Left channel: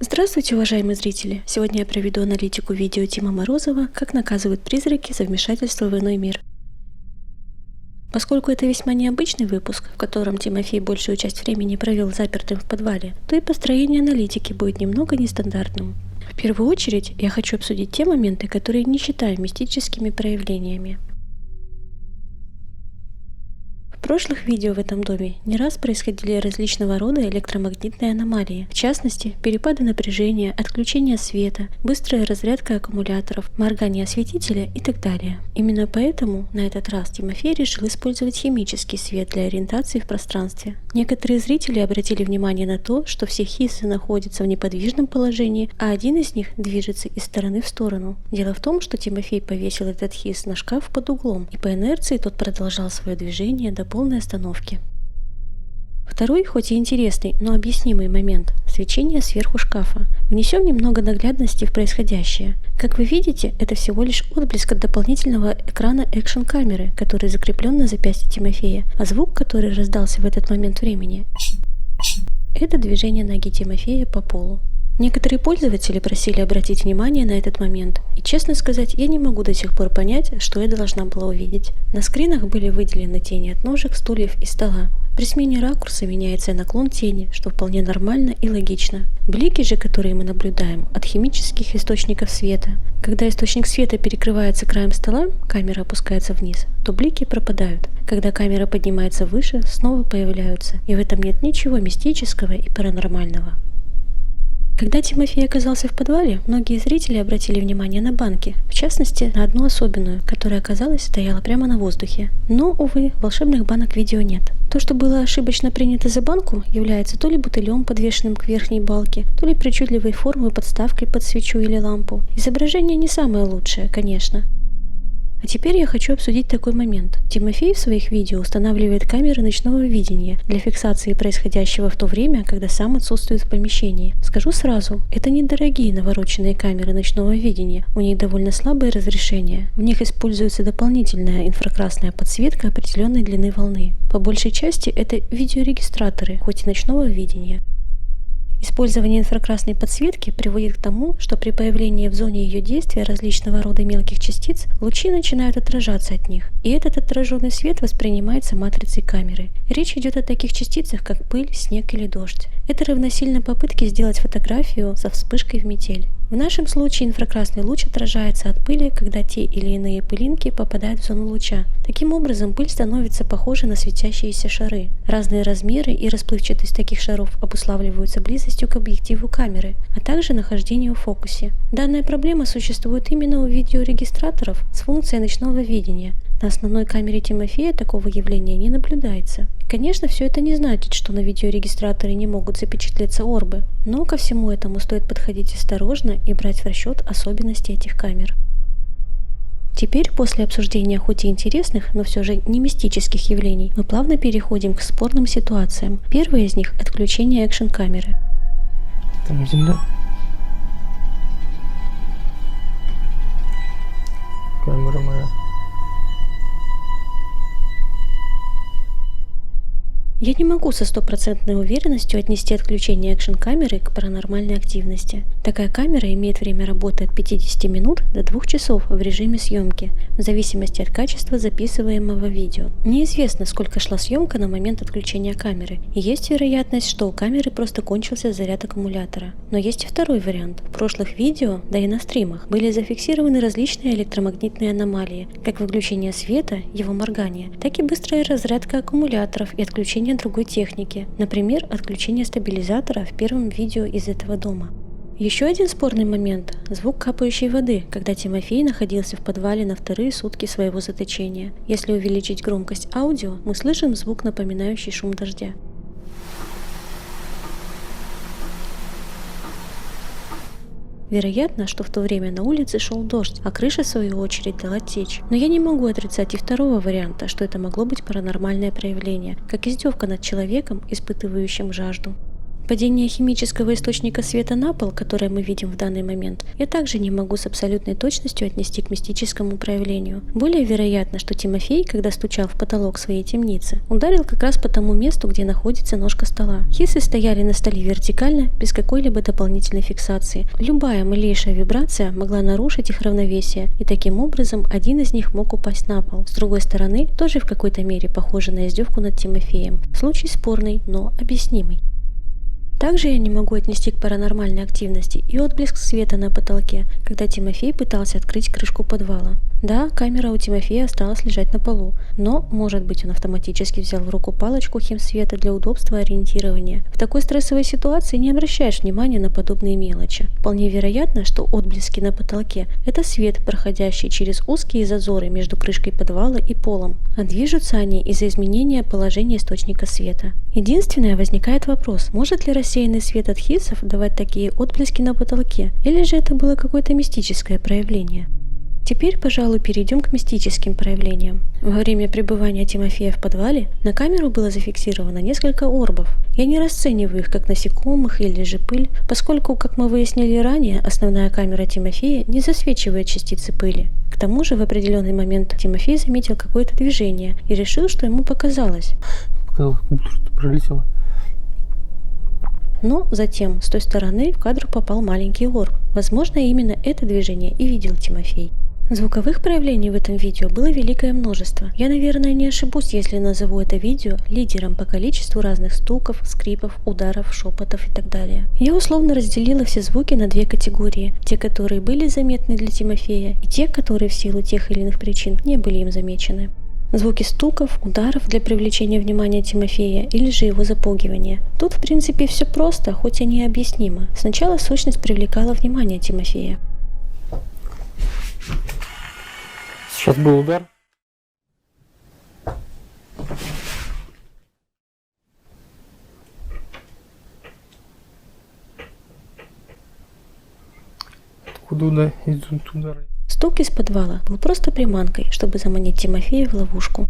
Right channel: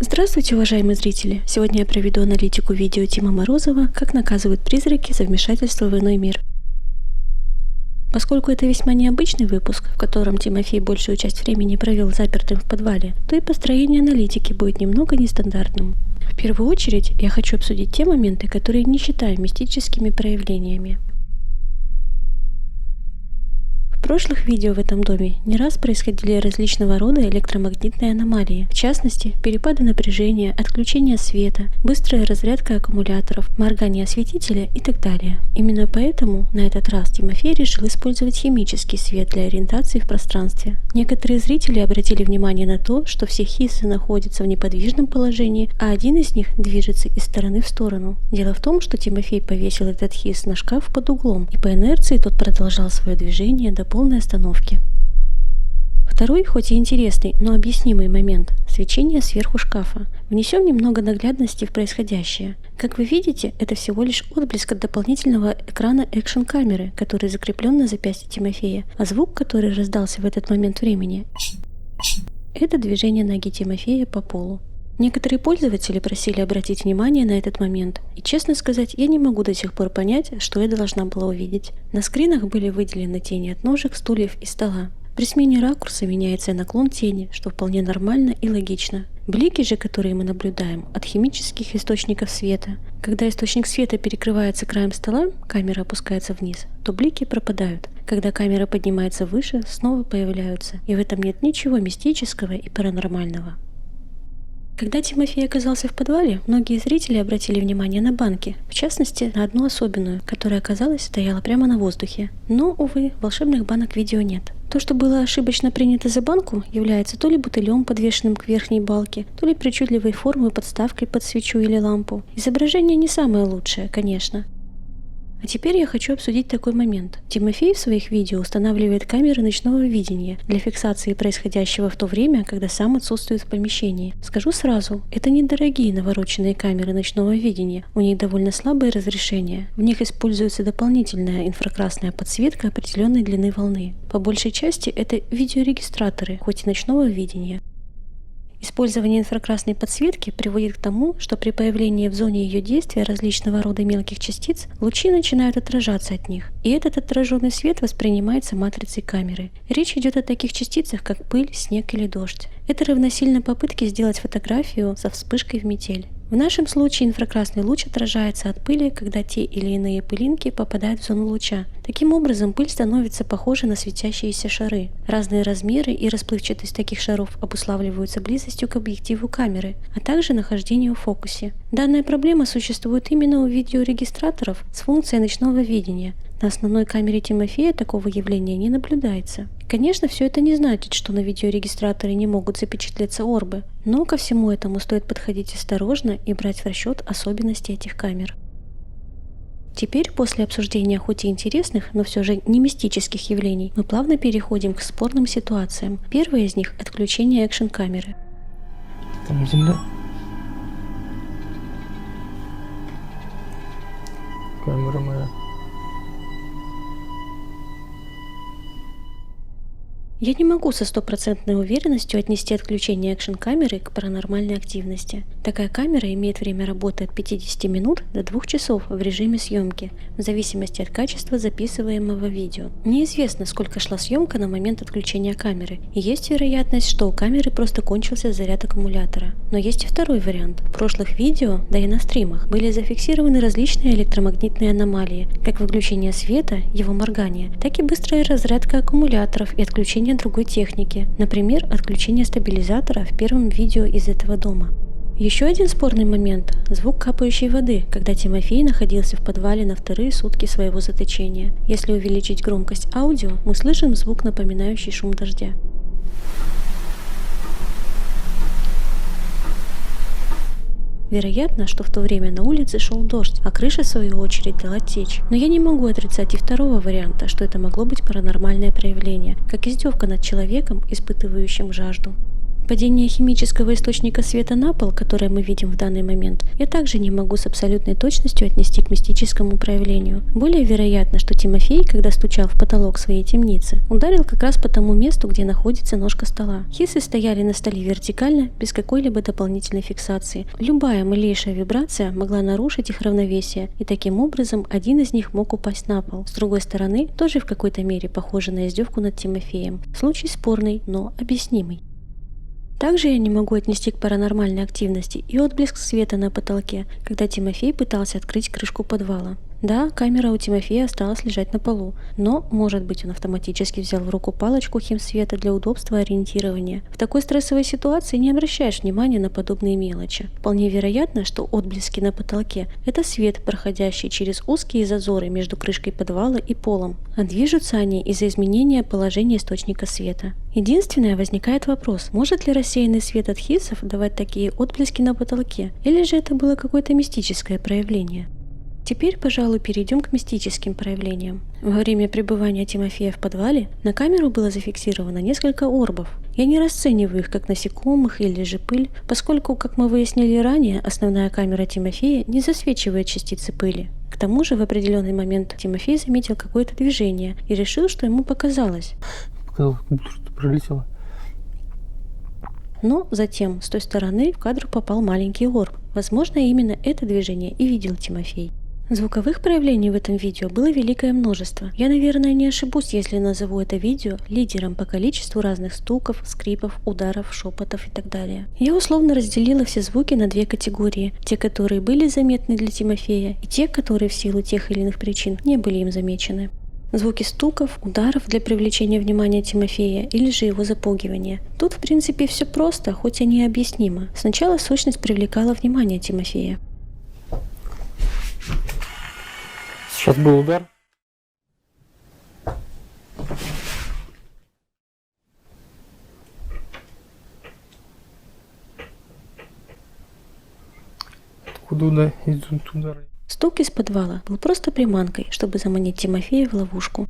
Здравствуйте, уважаемые зрители! Сегодня я проведу аналитику видео Тима Морозова «Как наказывают призраки за вмешательство в иной мир». Поскольку это весьма необычный выпуск, в котором Тимофей большую часть времени провел запертым в подвале, то и построение аналитики будет немного нестандартным. В первую очередь я хочу обсудить те моменты, которые не считаю мистическими проявлениями. В прошлых видео в этом доме не раз происходили различного рода электромагнитные аномалии, в частности, перепады напряжения, отключение света, быстрая разрядка аккумуляторов, моргание осветителя и так далее. Именно поэтому на этот раз Тимофей решил использовать химический свет для ориентации в пространстве. Некоторые зрители обратили внимание на то, что все хиссы находятся в неподвижном положении, а один из них движется из стороны в сторону. Дело в том, что Тимофей повесил этот хисс на шкаф под углом, и по инерции тот продолжал свое движение до полной остановки. Второй, хоть и интересный, но объяснимый момент – свечение сверху шкафа. Внесем немного наглядности в происходящее. Как вы видите, это всего лишь отблеск от дополнительного экрана экшн-камеры, который закреплен на запястье Тимофея, а звук, который раздался в этот момент времени – это движение ноги Тимофея по полу. Некоторые пользователи просили обратить внимание на этот момент, и, честно сказать, я не могу до сих пор понять, что я должна была увидеть. На скринах были выделены тени от ножек, стульев и стола. При смене ракурса меняется наклон тени, что вполне нормально и логично. Блики же, которые мы наблюдаем, от химических источников света. Когда источник света перекрывается краем стола, камера опускается вниз, то блики пропадают. Когда камера поднимается выше, снова появляются, и в этом нет ничего мистического и паранормального. Когда Тимофей оказался в подвале, многие зрители обратили внимание на банки, в частности, на одну особенную, которая, оказалось, стояла прямо на воздухе. Но, увы, волшебных банок в видео нет. То, что было ошибочно принято за банку, является то ли бутылем, подвешенным к верхней балке, то ли причудливой формой подставкой под свечу или лампу. Изображение не самое лучшее, конечно. А теперь я хочу обсудить такой момент. Тимофей в своих видео устанавливает камеры ночного видения для фиксации происходящего в то время, когда сам отсутствует в помещении. Скажу сразу, это недорогие навороченные камеры ночного видения, у них довольно слабое разрешение. В них используется дополнительная инфракрасная подсветка определенной длины волны. По большей части это видеорегистраторы, хоть и ночного видения. Использование инфракрасной подсветки приводит к тому, что при появлении в зоне ее действия различного рода мелких частиц лучи начинают отражаться от них, и этот отраженный свет воспринимается матрицей камеры. Речь идет о таких частицах, как пыль, снег или дождь. Это равносильно попытке сделать фотографию со вспышкой в метель. В нашем случае инфракрасный луч отражается от пыли, когда те или иные пылинки попадают в зону луча. Таким образом, пыль становится похожа на светящиеся шары. Разные размеры и расплывчатость таких шаров обуславливаются близостью к объективу камеры, а также нахождением в фокусе. Данная проблема существует именно у видеорегистраторов с функцией ночного видения. На основной камере Тимофея такого явления не наблюдается. Конечно, все это не значит, что на видеорегистраторе не могут запечатлеться орбы, но ко всему этому стоит подходить осторожно и брать в расчет особенности этих камер. Теперь, после обсуждения хоть и интересных, но все же не мистических явлений, мы плавно переходим к спорным ситуациям. Первое из них – отключение экшн-камеры. Там земля. Камера моя. Я не могу со стопроцентной уверенностью отнести отключение экшн-камеры к паранормальной активности. Такая камера имеет время работы от 50 минут до 2 часов в режиме съемки, в зависимости от качества записываемого видео. Неизвестно, сколько шла съемка на момент отключения камеры, и есть вероятность, что у камеры просто кончился заряд аккумулятора. Но есть и второй вариант. В прошлых видео, да и на стримах, были зафиксированы различные электромагнитные аномалии, как выключение света, его моргание, так и быстрая разрядка аккумуляторов и отключение другой техники, например, отключение стабилизатора в первом видео из этого дома. Еще один спорный момент – звук капающей воды, когда Тимофей находился в подвале на вторые сутки своего заточения. Если увеличить громкость аудио, мы слышим звук, напоминающий шум дождя. Вероятно, что в то время на улице шел дождь, а крыша в свою очередь дала течь. Но я не могу отрицать и второго варианта, что это могло быть паранормальное проявление, как издевка над человеком, испытывающим жажду. Падение химического источника света на пол, которое мы видим в данный момент, я также не могу с абсолютной точностью отнести к мистическому проявлению. Более вероятно, что Тимофей, когда стучал в потолок своей темницы, ударил как раз по тому месту, где находится ножка стола. Хиссы стояли на столе вертикально, без какой-либо дополнительной фиксации. Любая малейшая вибрация могла нарушить их равновесие, и таким образом один из них мог упасть на пол. С другой стороны, тоже в какой-то мере похоже на издевку над Тимофеем. Случай спорный, но объяснимый. Также я не могу отнести к паранормальной активности и отблеск света на потолке, когда Тимофей пытался открыть крышку подвала. Да, камера у Тимофея осталась лежать на полу, но, может быть, он автоматически взял в руку палочку химсвета для удобства ориентирования. В такой стрессовой ситуации не обращаешь внимания на подобные мелочи. Вполне вероятно, что отблески на потолке – это свет, проходящий через узкие зазоры между крышкой подвала и полом, а движутся они из-за изменения положения источника света. Единственное, возникает вопрос, может ли рассеянный свет от хиссов давать такие отблески на потолке, или же это было какое-то мистическое проявление? Теперь, пожалуй, перейдем к мистическим проявлениям. Во время пребывания Тимофея в подвале на камеру было зафиксировано несколько орбов. Я не расцениваю их как насекомых или же пыль, поскольку, как мы выяснили ранее, основная камера Тимофея не засвечивает частицы пыли. К тому же в определенный момент Тимофей заметил какое-то движение и решил, что ему показалось. Показалось, как будто что-то пролетело. Но затем с той стороны в кадр попал маленький орб. Возможно, именно это движение и видел Тимофей. Звуковых проявлений в этом видео было великое множество. Я, наверное, не ошибусь, если назову это видео лидером по количеству разных стуков, скрипов, ударов, шепотов и так далее. Я условно разделила все звуки на две категории. Те, которые были заметны для Тимофея, и те, которые в силу тех или иных причин не были им замечены. Звуки стуков, ударов для привлечения внимания Тимофея или же его запугивания. Тут, в принципе, все просто, хоть и необъяснимо. Сначала сущность привлекала внимание Тимофея. Сейчас был удар. Откуда идут удары? Стук из подвала был просто приманкой, чтобы заманить Тимофея в ловушку.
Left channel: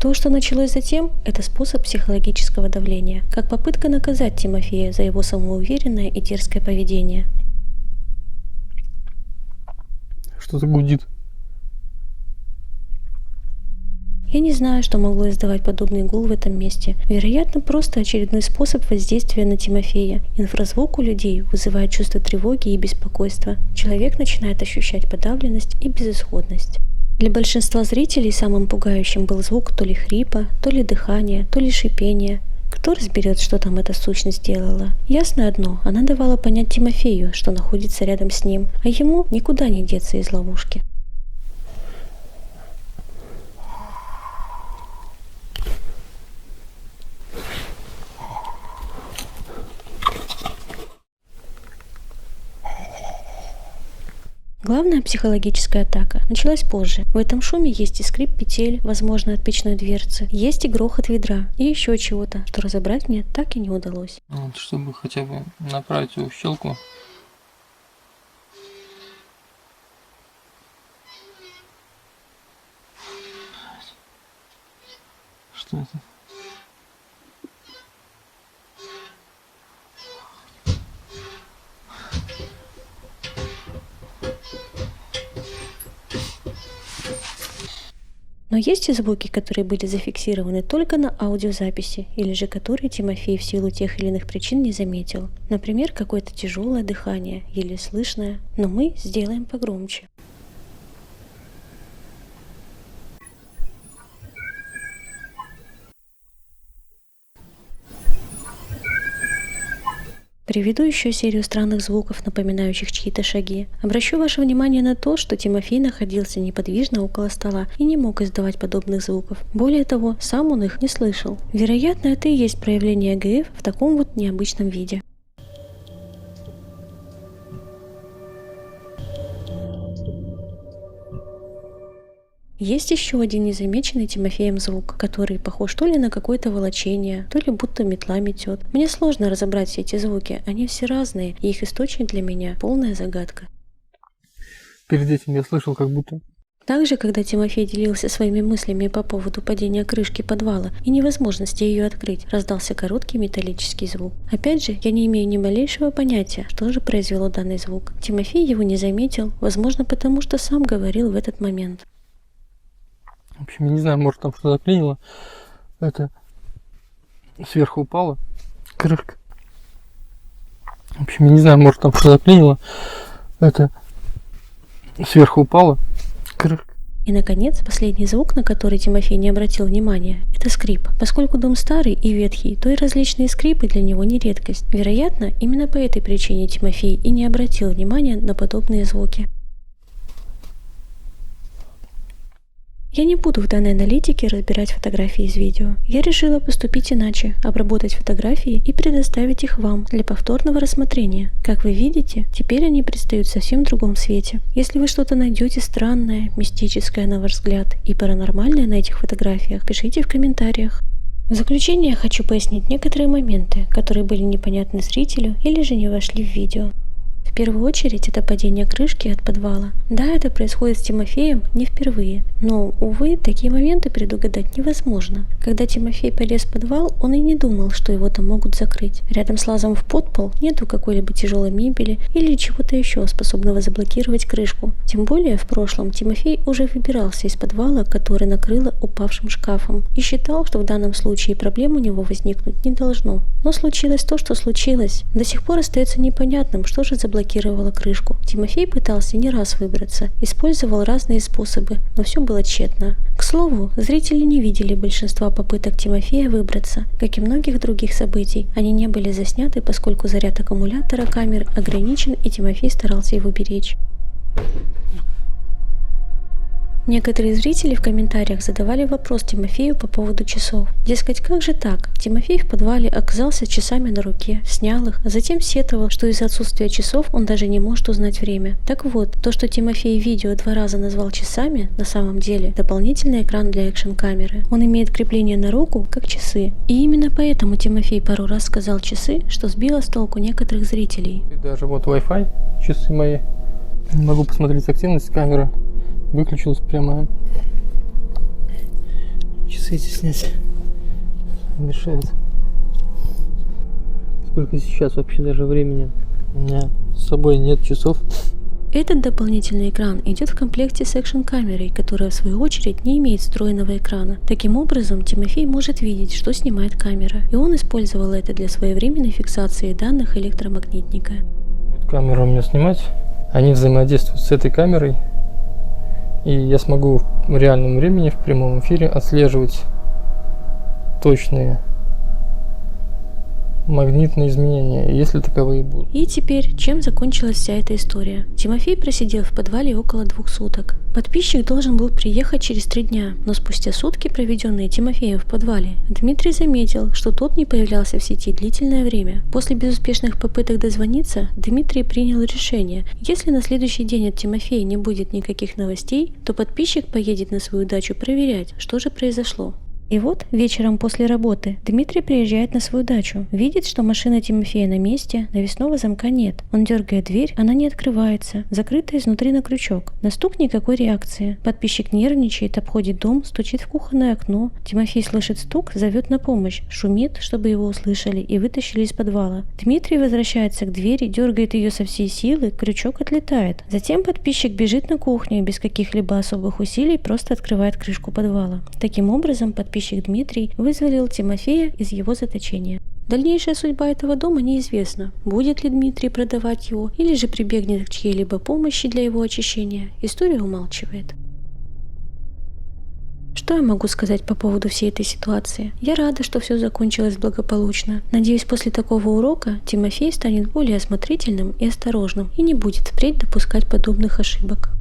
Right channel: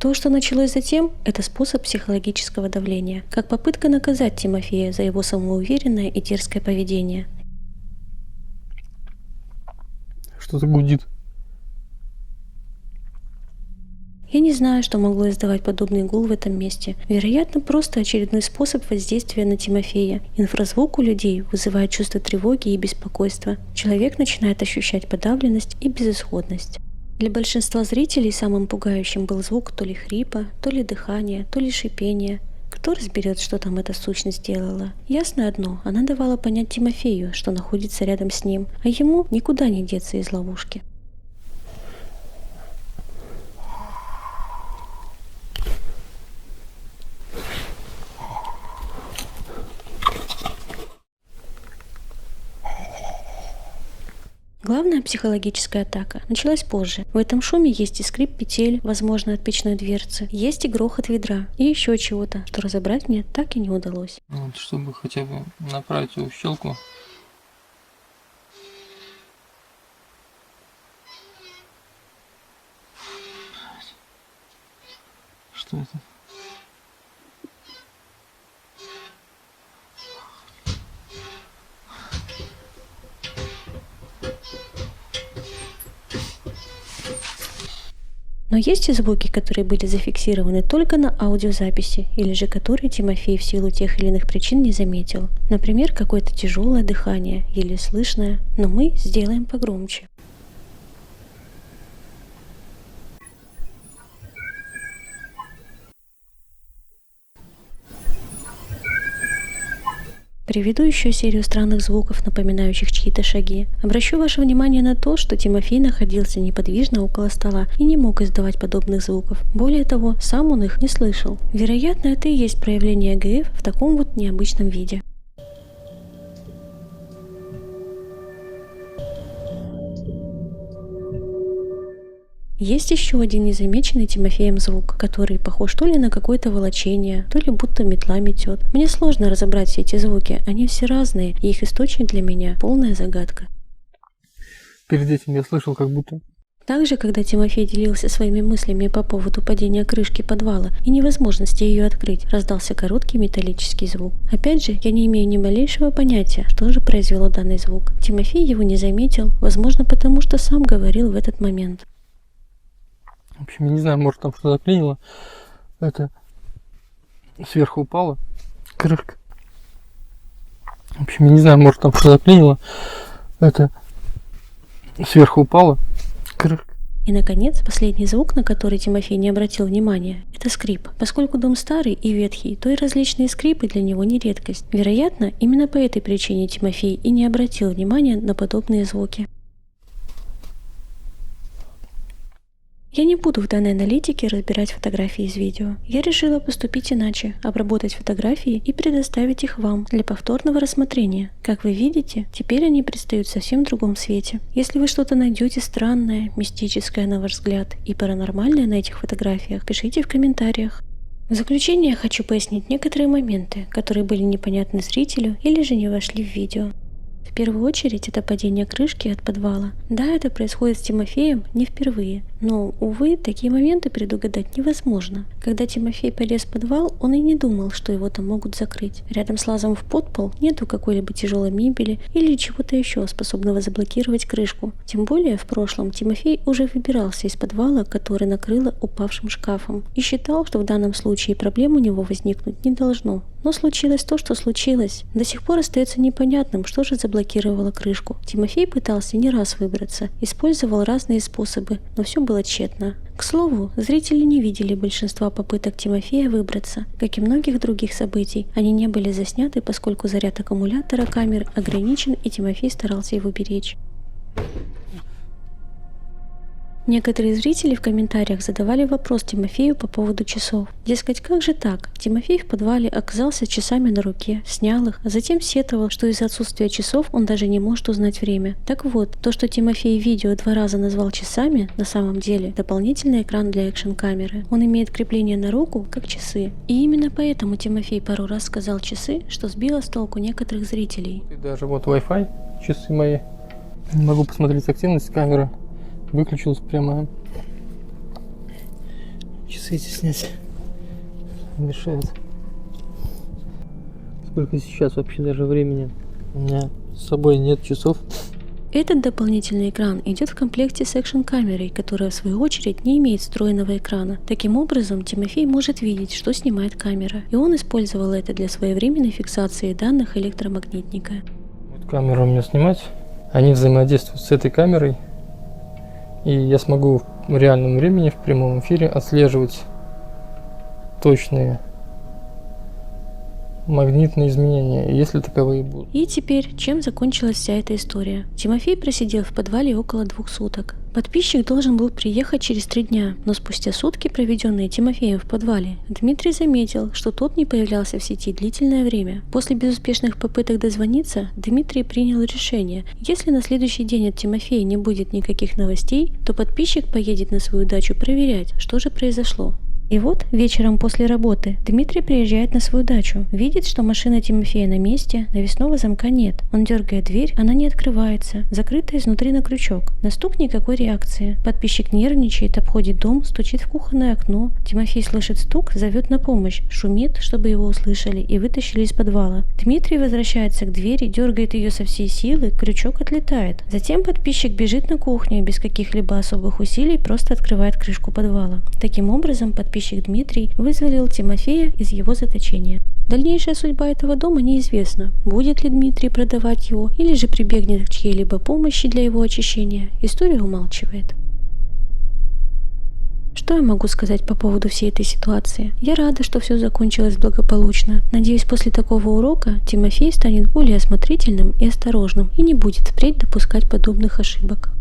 То, что началось затем, это способ психологического давления, как попытка наказать Тимофея за его самоуверенное и дерзкое поведение. Что-то гудит. Я не знаю, что могло издавать подобный гул в этом месте. Вероятно, просто очередной способ воздействия на Тимофея. Инфразвук у людей вызывает чувство тревоги и беспокойства. Человек начинает ощущать подавленность и безысходность. Для большинства зрителей самым пугающим был звук то ли хрипа, то ли дыхания, то ли шипения. Кто разберет, что там эта сущность делала? Ясно одно, она давала понять Тимофею, что находится рядом с ним, а ему никуда не деться из ловушки. Главная психологическая атака началась позже. В этом шуме есть и скрип петель, возможно, от печной дверцы, есть и грохот ведра, и еще чего-то, что разобрать мне так и не удалось. Вот, чтобы хотя бы направить его в щелку. Что это? Но есть и звуки, которые были зафиксированы только на аудиозаписи, или же которые Тимофей в силу тех или иных причин не заметил. Например, какое-то тяжелое дыхание, еле слышное, но мы сделаем погромче. Приведу еще серию странных звуков, напоминающих чьи-то шаги. Обращу ваше внимание на то, что Тимофей находился неподвижно около стола и не мог издавать подобных звуков. Более того, сам он их не слышал. Вероятно, это и есть проявление ГФ в таком вот необычном виде. Есть еще один незамеченный Тимофеем звук, который похож то ли на какое-то волочение, то ли будто метла метет. Мне сложно разобрать все эти звуки, они все разные, и их источник для меня полная загадка. Перед этим я слышал, как будто... В Также, когда Тимофей делился своими мыслями по поводу падения крышки подвала и невозможности ее открыть, раздался короткий металлический звук. Опять же, я не имею ни малейшего понятия, что же произвело данный звук. Тимофей его не заметил, возможно, потому что сам говорил в этот момент. В общем, я не знаю, может там что-то заклинило. Это сверху упала крышка. В общем, я не знаю, может там что-то заклинило. Это сверху упала крышка. И, наконец, последний звук, на который Тимофей не обратил внимания, это скрип. Поскольку дом старый и ветхий, то и различные скрипы для него не редкость. Вероятно, именно по этой причине Тимофей и не обратил внимания на подобные звуки. Я не буду в данной аналитике разбирать фотографии из видео. Я решила поступить иначе, обработать фотографии и предоставить их вам для повторного рассмотрения. Как вы видите, теперь они предстают в совсем другом свете. Если вы что-то найдете странное, мистическое на ваш взгляд и паранормальное на этих фотографиях, пишите в комментариях. В заключение я хочу пояснить некоторые моменты, которые были непонятны зрителю или же не вошли в видео. В первую очередь это падение крышки от подвала. Да, это происходит с Тимофеем не впервые, но, увы, такие моменты предугадать невозможно. Когда Тимофей полез в подвал, он и не думал, что его там могут закрыть. Рядом с лазом в подпол нету какой-либо тяжелой мебели или чего-то еще, способного заблокировать крышку. Тем более, в прошлом Тимофей уже выбирался из подвала, который накрыло упавшим шкафом, и считал, что в данном случае проблем у него возникнуть не должно. Но случилось то, что случилось. До сих пор остается непонятным, что же заблокировало крышку. Тимофей пытался не раз выбраться, использовал разные способы, но все было тщетно. К слову, зрители не видели большинства попыток Тимофея выбраться. Как и многих других событий, они не были засняты, поскольку заряд аккумулятора камер ограничен, и Тимофей старался его беречь. Некоторые зрители в комментариях задавали вопрос Тимофею по поводу часов. Дескать, как же так? Тимофей в подвале оказался с часами на руке, снял их, а затем сетовал, что из-за отсутствия часов он даже не может узнать время. Так вот, то, что Тимофей в видео 2 раза назвал часами, на самом деле дополнительный экран для экшн-камеры. Он имеет крепление на руку, как часы. И именно поэтому Тимофей пару раз сказал часы, что сбило с толку некоторых зрителей. И даже вот Wi-Fi, часы мои. Могу посмотреть активность камеры. Выключилась прямо. Часы эти снять мешает. Сколько сейчас вообще даже времени? У меня с собой нет часов. Этот дополнительный экран идет в комплекте с экшн-камерой, которая в свою очередь не имеет встроенного экрана. Таким образом, Тимофей может видеть, что снимает камера, и он использовал это для своевременной фиксации данных электромагнитника. Вот камера у меня снимать. Они взаимодействуют с этой камерой. И я смогу в реальном времени, в прямом эфире отслеживать точные магнитные изменения, если таковые будут. И теперь, чем закончилась вся эта история? Тимофей просидел в подвале около 2 суток. Подписчик должен был приехать через 3 дня, но спустя сутки, проведенные Тимофеем в подвале, Дмитрий заметил, что тот не появлялся в сети длительное время. После безуспешных попыток дозвониться, Дмитрий принял решение: если на следующий день от Тимофея не будет никаких новостей, то подписчик поедет на свою дачу проверять, что же произошло. И вот вечером после работы Дмитрий приезжает на свою дачу, видит, что машина Тимофея на месте, навесного замка нет. Он дергает дверь, она не открывается, закрыта изнутри на крючок. На стук никакой реакции. Подписчик нервничает, обходит дом, стучит в кухонное окно. Тимофей слышит стук, зовет на помощь, шумит, чтобы его услышали и вытащили из подвала. Дмитрий возвращается к двери, дергает ее со всей силы, крючок отлетает. Затем подписчик бежит на кухню и без каких-либо особых усилий просто открывает крышку подвала. Таким образом, подписчик Дмитрий вызволил Тимофея из его заточения. Дальнейшая судьба этого дома неизвестна. Будет ли Дмитрий продавать его или же прибегнет к чьей-либо помощи для его очищения, история умалчивает. Что я могу сказать по поводу всей этой ситуации? Я рада, что все закончилось благополучно. Надеюсь, после такого урока Тимофей станет более осмотрительным и осторожным и не будет впредь допускать подобных ошибок.